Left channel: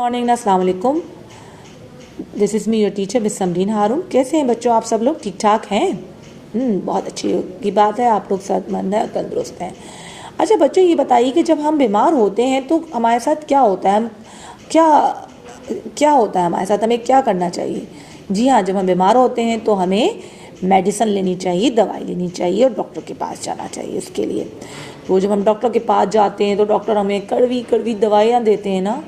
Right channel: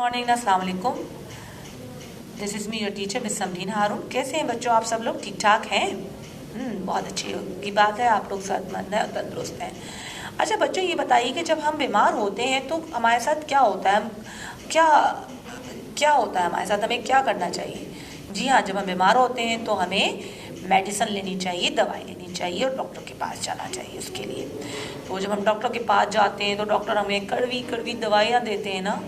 Morning, अस्सलाम वालेकुम। This is me your teacher miss Samreen Haroon. कैसे हैं बच्चों, आप सब लोग ठीक ठाक हैं? बहुत अच्छी की बात है, आप लोग सेहतमंद हैं और तंदुरुस्त हैं। अच्छा बच्चों, ये बताइए कि जब हम बीमार होते हैं तो हमारे साथ क्या होता है, क्या होता है हमारे साथ, हमें क्या करना चाहिए? जी हाँ, जब हम बीमार होते हैं तो हमें मेडिसिन लेनी चाहिए, दवाई लेनी चाहिए और डॉक्टर के पास जाना चाहिए उसके लिए। तो जब हम डॉक्टर के पास जाते हैं तो डॉक्टर हमें कड़वी कड़वी दवाइयाँ देते हैं ना,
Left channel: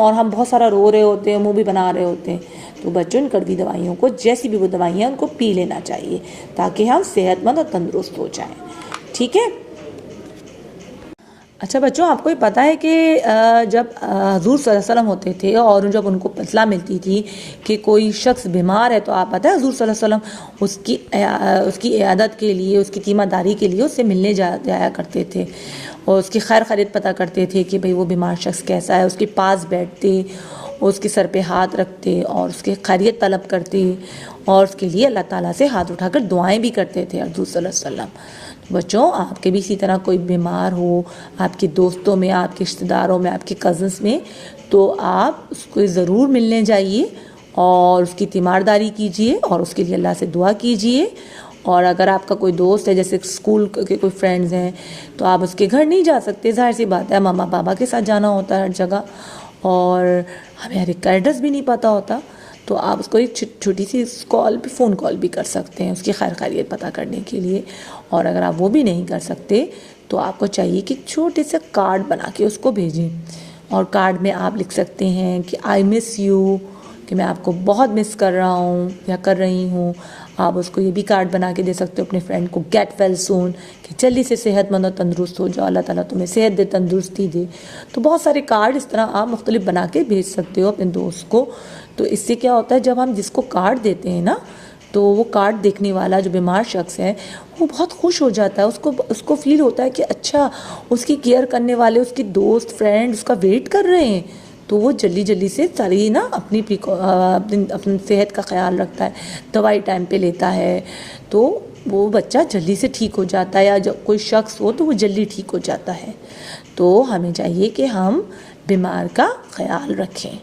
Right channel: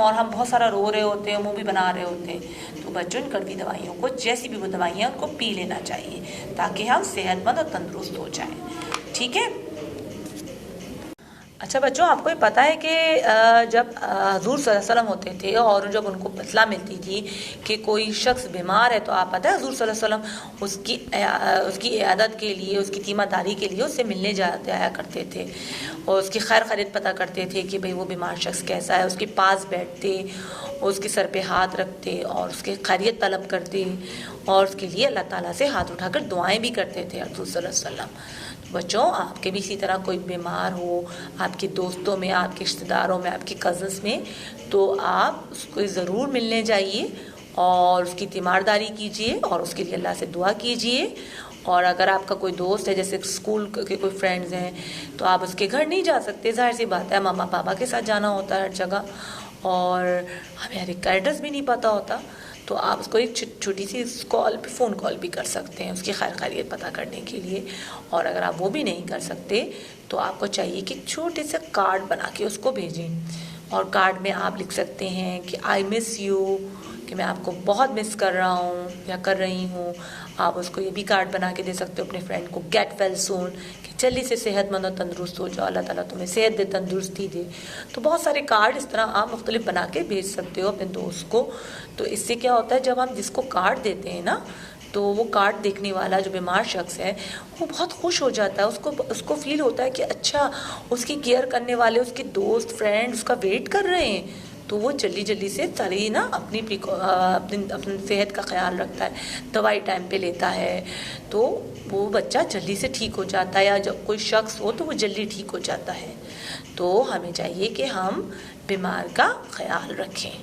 और हम बहुत सारा रो रहे होते हैं, मुंह भी बना रहे होते हैं। तो बच्चों, इन कड़वी दवाइयों को, जैसी भी वो दवाइयाँ, उनको पी लेना चाहिए ताकि हम सेहतमंद और तंदुरुस्त हो जाएं। ठीक है। अच्छा बच्चों, आपको ये पता है कि जब हुजूर सल्लल्लाहु अलैहि वसल्लम होते थे और जब उनको इत्तला मिलती थी कि कोई शख्स बीमार है, तो आप पता है हुजूर सल्लल्लाहु अलैहि वसल्लम उसकी इयादत के लिए, उसकी तीमारदारी के लिए उससे मिलने जाया करते थे और उसकी खैर खैरियत पता करते थे कि भाई वो बीमार शख्स कैसा है। उसके पास बैठते, उसके सर पे हाथ रखते और उसकी खैरियत तलब करते और उसके लिए अल्लाह ताला से हाथ उठाकर दुआएं भी करते थे हुजूर सल्लल्लाहु अलैहि वसल्लम। बच्चों, आपके भी इसी तरह कोई बीमार हो, आपके दोस्तों में, आपके रिश्तेदारों में, आपके कज़न्स में, तो आप उसको ज़रूर मिलने जाइए और उसकी तीमारदारी कीजिए और उसके लिए अल्लाह से दुआ कीजिए। और अगर आपका कोई दोस्त है, जैसे स्कूल के कोई फ्रेंड्स हैं, तो आप उसके घर नहीं जा सकते, ज़ाहिर सी बात है, मम्मा पापा के साथ जाना होता है हर जगह और हमें हर एक का एड्रेस भी नहीं पता होता। तो आप उसको एक छोटी सी फ़ोन कॉल भी कर सकते हैं उसकी खैर खैरियत पता करने के लिए। और अगर आप वो भी नहीं कर सकते तो आपको चाहिए कि छोटे से कार्ड बना के उसको भेजें और कार्ड में आप लिख सकते हैं कि आई मिस यू, कि मैं आपको बहुत मिस कर रहा हूँ या कर रही हूँ। आप उसको ये भी कार्ड बना के दे सकते हो अपने फ्रेंड को, गेट वेल सून, कि जल्दी से सेहतमंद और तंदुरुस्त हो जाओ, अल्लाह ताला तुम्हें सेहत दे, तंदुरुस्ती दे। तो बहुत सारे कार्ड इस तरह आप मुख्तलिफ बना के भेज सकते हो अपने दोस्त को। तो इससे क्या होता है, जब हम जिसको कार्ड देते हैं ना, तो वो कार्ड देखने वाला जो बीमार शख्स है वो बहुत खुश हो जाता है। उसको फील होता है कि अच्छा, उसकी केयर करने वाले उसके दोस्त फ्रेंड उसका वेट कर रहे हैं। तो वो जल्दी जल्दी से सारी ना अपनी सेहत का ख्याल रखता है, दवाई टाइम पे लेता है, तो वो बच्चा जल्दी से ठीक हो जाता है। या जब कोई शख्स हो तो वो जल्दी ठीक हो जाता है। तो हमें चाहिए कि हम बीमार का ख्याल रखें।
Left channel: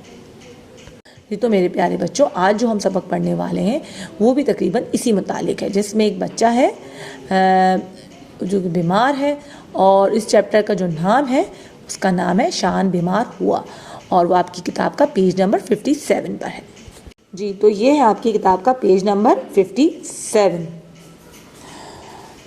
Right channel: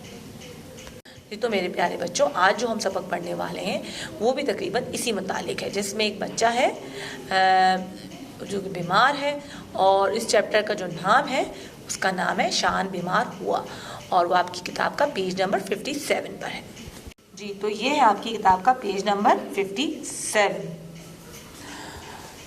ये तो मेरे प्यारे बच्चों, आज जो हम सबक पढ़ने वाले हैं वो भी तकरीबन इसी मुतालिक है, जिसमें एक बच्चा है जो बीमार है और इस चैप्टर का जो नाम है उसका नाम है शान बीमार हुआ और वो आपकी किताब का पेज नंबर 57 पर है। जी, तो ये है आपकी किताब का पेज नंबर 57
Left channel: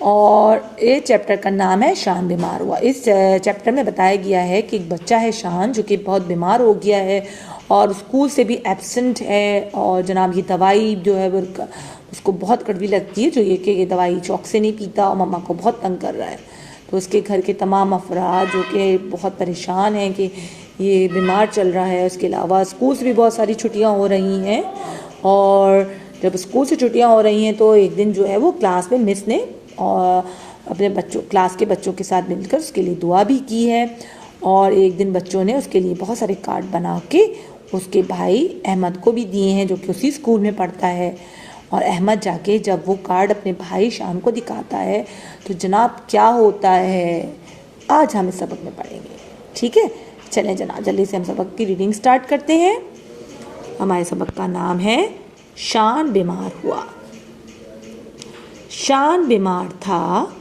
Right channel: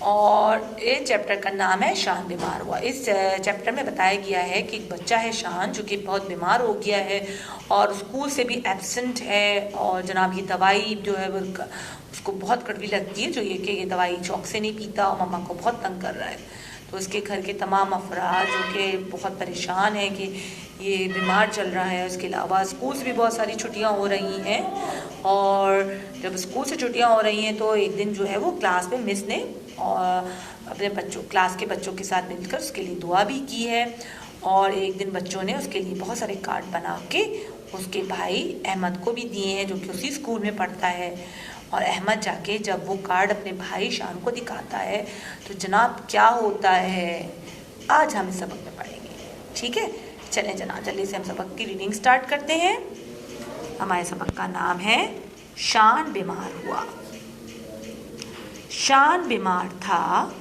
और ये चैप्टर का नाम है शान बीमार हुआ। इस चैप्टर में बताया गया है कि एक बच्चा है शान, जो कि बहुत बीमार हो गया है और स्कूल से भी एब्सेंट है और जनाब ये दवाई जो है वो उसको बहुत कड़वी लगती है, जो ये दवाई चौक से नहीं पीता और मम्मा को बहुत तंग कर रहा है। तो उसके घर के तमाम अफराद जो कि बहुत परेशान हैं कि ये बीमार चल रहा है। उसके अलावा स्कूल से भी बहुत सारी छुट्टियां हो रही हैं और जब स्कूल से छुट्टियां हो रही हैं तो एक दिन जो है वो क्लास में मिस ने और अपने क्लास के बच्चों के साथ मिलकर उसके लिए दुआ भी की है। और एक दिन बच्चों ने उसके लिए बहुत सारे कार्ड बना के उसके भाई अहमद को भी दिए हैं, जो कि उसी स्कूल में पढ़ता है। और अहमद जाके जब वो कार्ड अपने भाई शान को दिखाता है तो जनाब क्या होता है, आज हम इस सबक में पढ़ेंगे। ठीक है, चलें जनाब, जल्दी से हम सबक की रीडिंग स्टार्ट करते हैं। हमारे सबक का नाम है शान बीमार हुआ। शान बीमार था,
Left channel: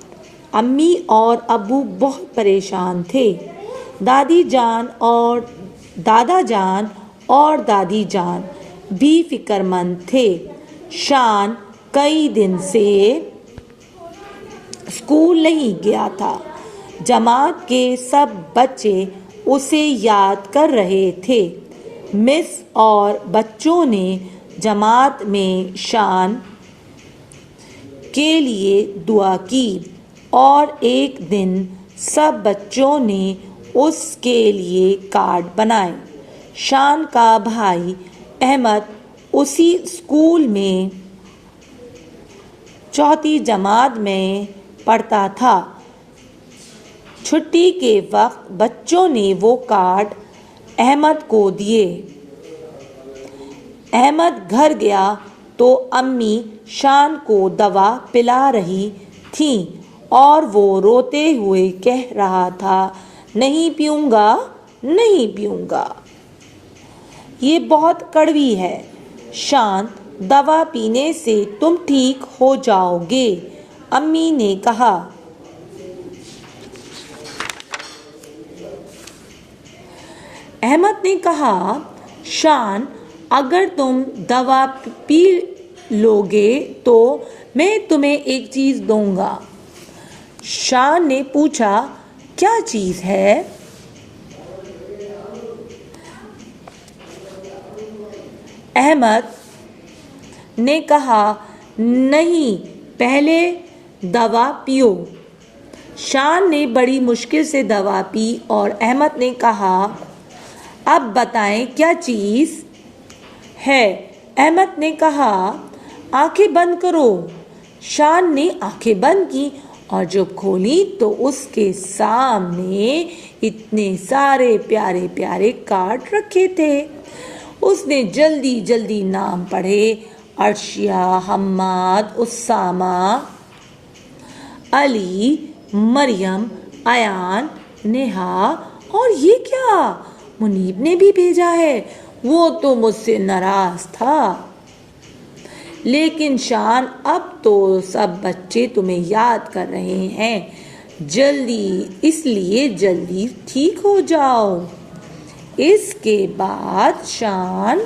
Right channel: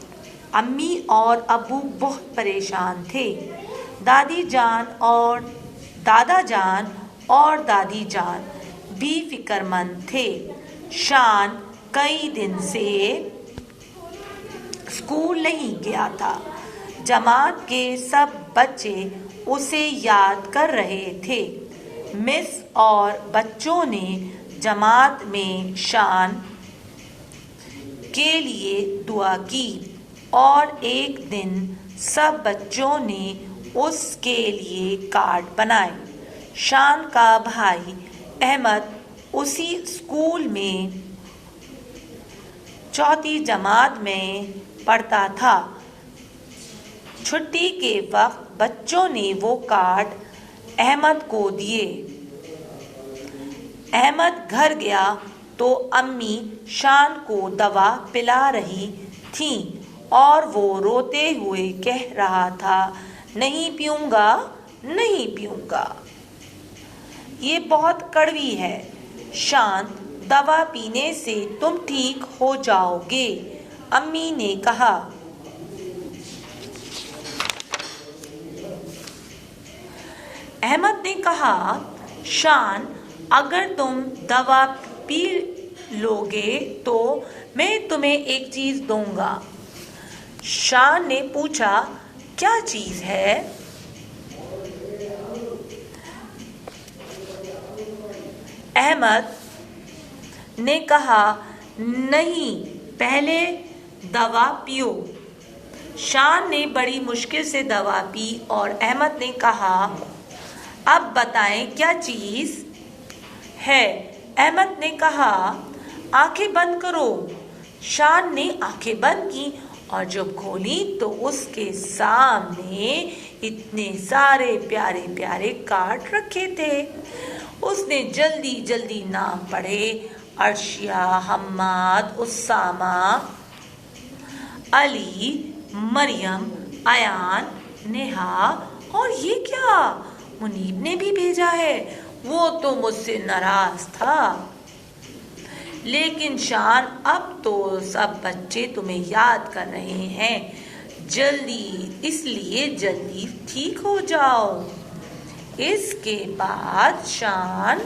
अम्मी और अब्बू बहुत परेशान थे। दादी जान और दादा जान और दादी जान भी फिक्रमंद थे। शान कई दिन से स्कूल नहीं गया था। जमात के सब बच्चे उसे याद कर रहे थे। मिस और बच्चों ने जमात में शान के लिए दुआ की और एक दिन सब बच्चों ने उसके लिए कार्ड बनाए। शान का भाई अहमद उसी स्कूल में चौथी जमात में पढ़ता था। छुट्टी के वक्त बच्चों ने वो कार्ड अहमद को दिए। अहमद घर गया तो अम्मी शान को दवा पिला रही थीं और वो रोते हुए कह रहा था, नहीं पीऊँगा, नहीं पीऊँगा। یہ بہت کڑوی ہے۔ شانت، دوا پینے سے تم ٹھیک ہو جاؤ گے، امی نے کہا۔ احمد نے کہا، شان، اگر تم دوا پی لو گے تو میں تمہیں ایک چیز دوں گا۔ شان نے پوچھا، کیا چیز ہے؟ احمد نے کہا، نہیں، پہلے دوا پیو۔ شان نے بڑی مشکل سے دوا پی اور احمد نے کہا، اب بتائیں کیا چیز ہے؟ احمد نے کہا، آنکھیں بند کرو۔ شان نے آنکھیں بند کی اور جب کھولی تو اس کے سامنے اتنے سارے پیارے پیارے کارڈ رکھے تھے۔ اس نے جلدی جلدی نام پڑھے، عرشیہ، حماد، اسامہ، علی، مریم، ایان، نیہا، اور یہ کیا، منیب نے بھی بھیجا ہے۔ وہ تو مجھ سے ناراض تھا، لیکن شان، اب تو سب بچے تمہیں یاد کر رہے ہیں، اس لیے جلدی ٹھیک ہو جاؤ۔ اس کے بعد شان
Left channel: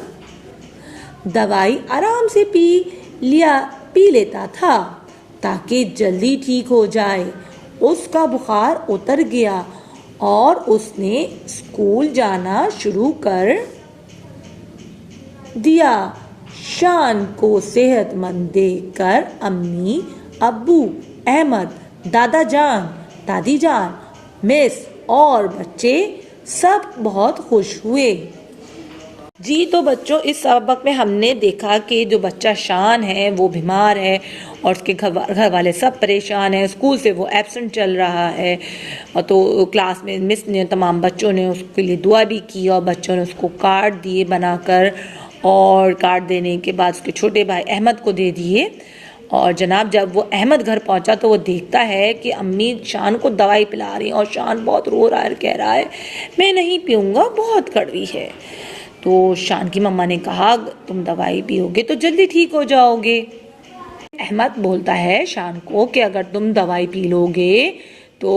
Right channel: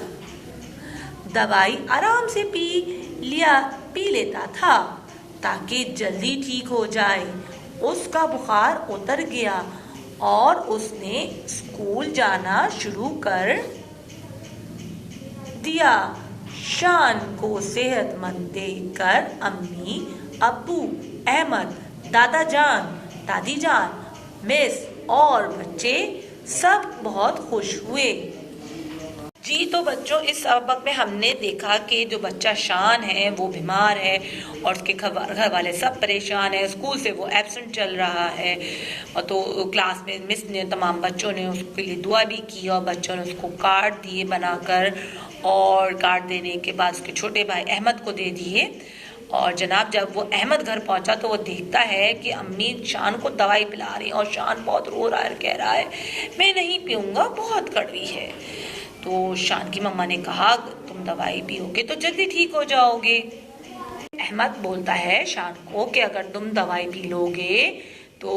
دوائی آرام سے پی لیتا تھا تاکہ جلدی ٹھیک ہو جائے۔ اس کا بخار اتر گیا اور اس نے اسکول جانا شروع کر دیا۔ شان کو صحت مند دیکھ کر امی، ابو، احمد، دادا جان، دادی جان، مس اور بچے سب بہت خوش ہوئے۔ جی تو بچوں، اس سبق میں ہم نے دیکھا کہ جو بچہ شان ہے وہ بیمار ہے اور اس کے گھر والے سب پریشان ہیں، اسکول سے وہ ایبسنٹ چل رہا ہے، تو کلاس میں مس نے، تمام بچوں نے اس کے لیے دعا بھی کی اور بچوں نے اس کو کارڈ دیے بنا کر، اور کارڈ دینے کے بعد اس کے چھوٹے بھائی احمد کو دے دیے۔ اور جناب جب وہ احمد گھر پہنچا تو وہ دیکھتا ہے کہ امی شان کو دوائی پلا رہی ہیں اور شان بہت رو رہا ہے اور کہہ رہا ہے، میں نہیں پیوں گا، بہت کڑوی ہے۔ تو شان کی مما نے کہا، تم دوائی پیو گے تو جلدی ٹھیک ہو جاؤ گے۔ احمد بولتا ہے شان کو کہ اگر تم دوائی پی لو گے تو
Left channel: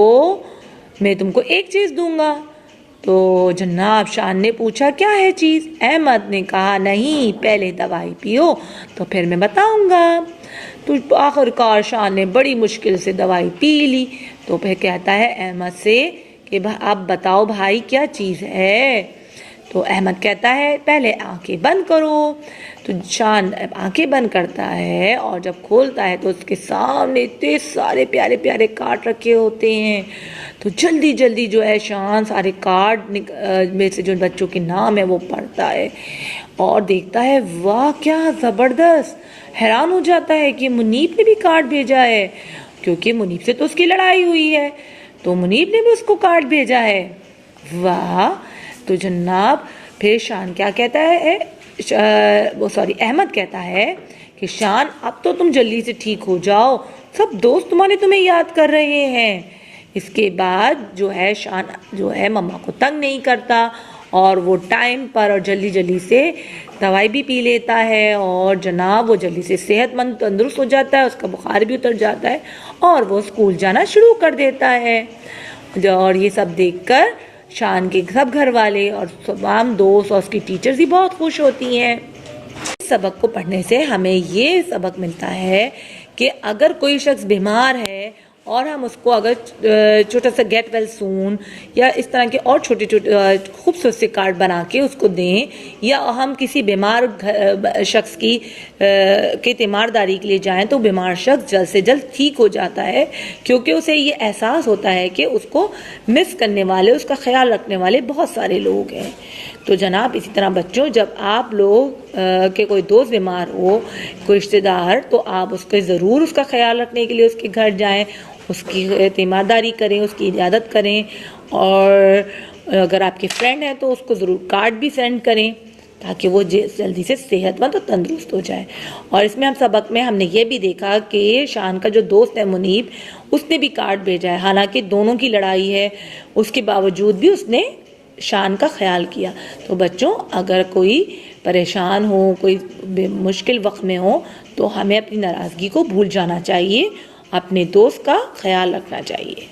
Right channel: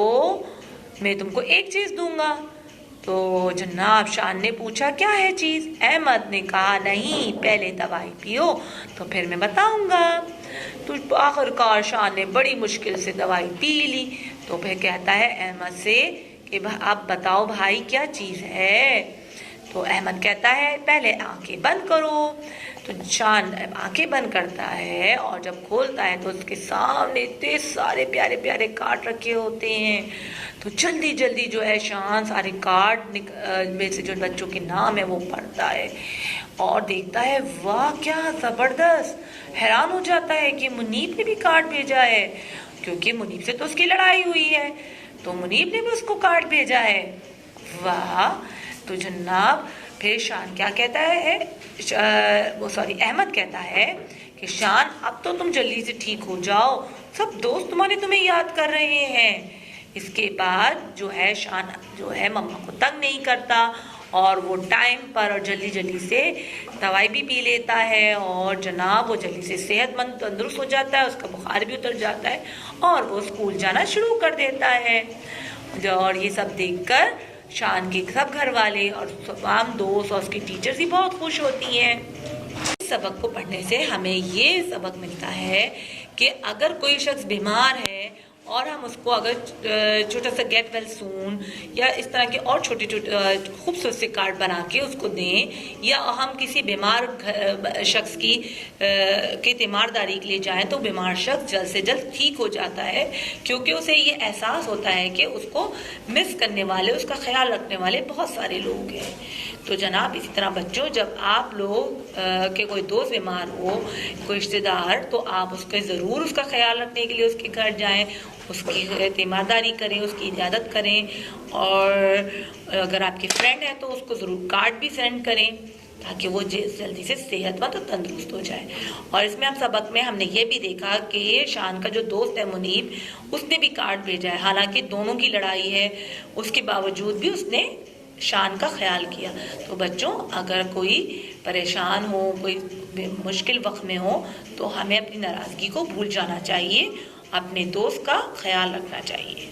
میں تم کو ایک چیز دوں گا۔ تو جناب شان نے پوچھا، کیا ہے چیز؟ احمد نے کہا، نہیں، پہلے دوائی پیو تو پھر میں بتاؤں گا۔ تو آخر کار شان نے بڑی مشکل سے دوائی پی لی۔ تو پھر کہتا ہے احمد سے کہ اب بتاؤ بھائی کیا چیز ہے؟ تو احمد کہتا ہے، پہلے آنکھیں بند کرو۔ تو شان آنکھیں بند کرتا ہے اور جب کھولتا ہے تو اس کے سامنے اتنے سارے پیارے پیارے کارڈ رکھے ہوتے ہیں۔ تو جلدی جلدی جو ہے شان سارے کارڈ میں سے جو بچوں کے نام ہے وہ پڑھتا ہے اور دیکھتا ہے، واہ کیا زبردست! حیران ہو جاتا ہے کہ منیب نے بھی کارڈ بھیجا ہے، کیونکہ منیب سے تو اس کی لڑائی ہوئی ہے، تو منیب نے بھی اس کو کارڈ بھیجا ہے، واہ! تو جناب پھر شان کیا کہتا ہے، احمد کہتا ہے کہ شان، اب تو تم جلدی سے ٹھیک ہو جاؤ، سب دوست تمہیں یاد کر رہے ہیں۔ اس کے بعد جو ہے شان جو ہے مما کو تنگ نہیں کرتا اور وہ ٹائم پر اور جلدی جلدی سے دوائی بھی پی لیتا ہے اور جناب وہ جلدی سے صحت مند تندرست ہو جاتا ہے، اس کا بخار بھی اتر جاتا ہے اور وہ اسکول جانا شروع کر دیتا ہے۔ اور یہ سب دیکھ کر شان کے سب گھر والے اور تمام دوست اور اس کی ٹیچرز بھی بہت خوش ہوتی ہیں۔ اس سبق کو پڑھنے سے ہمیں یہ سبق ملتا ہے کہ اگر کوئی شخص بیمار ہے اور ہم اس کو اگر چھوٹا سا گیٹ ویل سون یا اس طرح کے اور چھوٹے چھوٹے خوبصورت سے کارڈ بنا کے اس کو دیں، یا ہم کسی بیمار شخص کی تیمارداری کے لیے جائیں تو بیمار شخص جلد سے جلد ٹھیک ہو جاتا ہے، کیونکہ اسے یہ احساس ہوتا ہے کہ اس کو مس کرنے والے، اس کا خیال رکھنے والے بہت سارے لوگ ہیں۔ تو جناب اسی طرح بچوں، جب آپ لوگ کے کوئی دوست بیمار ہو، کوئی رشتے دار، تو آپ اس کے ضرور اس کا خیال رکھنے کے لیے اس کے گھر جائیں، اس کی تیمارداری کریں، اس کی عیادت کریں، اور اگر آپ کے فرینڈ ہیں تو اس کو ضرور کارڈ بھی سینڈ کریں تاکہ وہ جلدی سے صحت مند اور تندرست ہو جائے۔ اور اس میں سبق میں ہم نے یہ بھی دیکھا کہ شان کا جو دوست ہے منیب، اس نے بھی کارڈ بھیجا ہے، حالانکہ دونوں کی لڑائی ہے، اس کے باوجود بھی اس نے شان کا خیال کیا. تو بچوں اگر کوئی پریشان ہو, کوئی مشکل وقت میں ہو, تو ہمیں اپنی ناراضگی کو بھول جانا چاہیے, اپنے دوست کا خیال رکھنا چاہیے.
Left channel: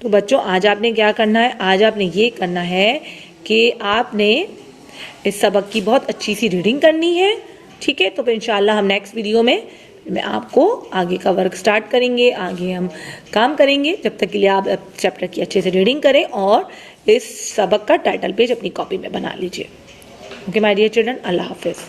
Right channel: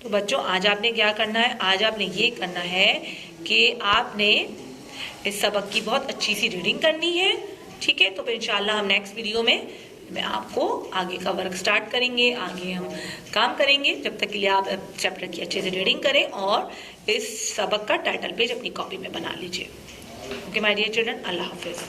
تو بچوں آج آپ نے کیا کرنا ہے, آج آپ نے یہ کرنا ہے کہ آپ نے اس سبق کی بہت اچھی سی ریڈنگ کرنی ہے. ٹھیک ہے, تو پھر انشاءاللہ ہم نیکسٹ ویڈیو میں آپ کو آگے کا ورک سٹارٹ کریں گے, آگے ہم کام کریں گے. جب تک کے لیے آپ چیپٹر کی اچھے سے ریڈنگ کریں اور اس سبق کا ٹائٹل پیج اپنی کاپی میں بنا لیجیے. اوکے مائی ڈیئر چلڈرن, اللہ حافظ.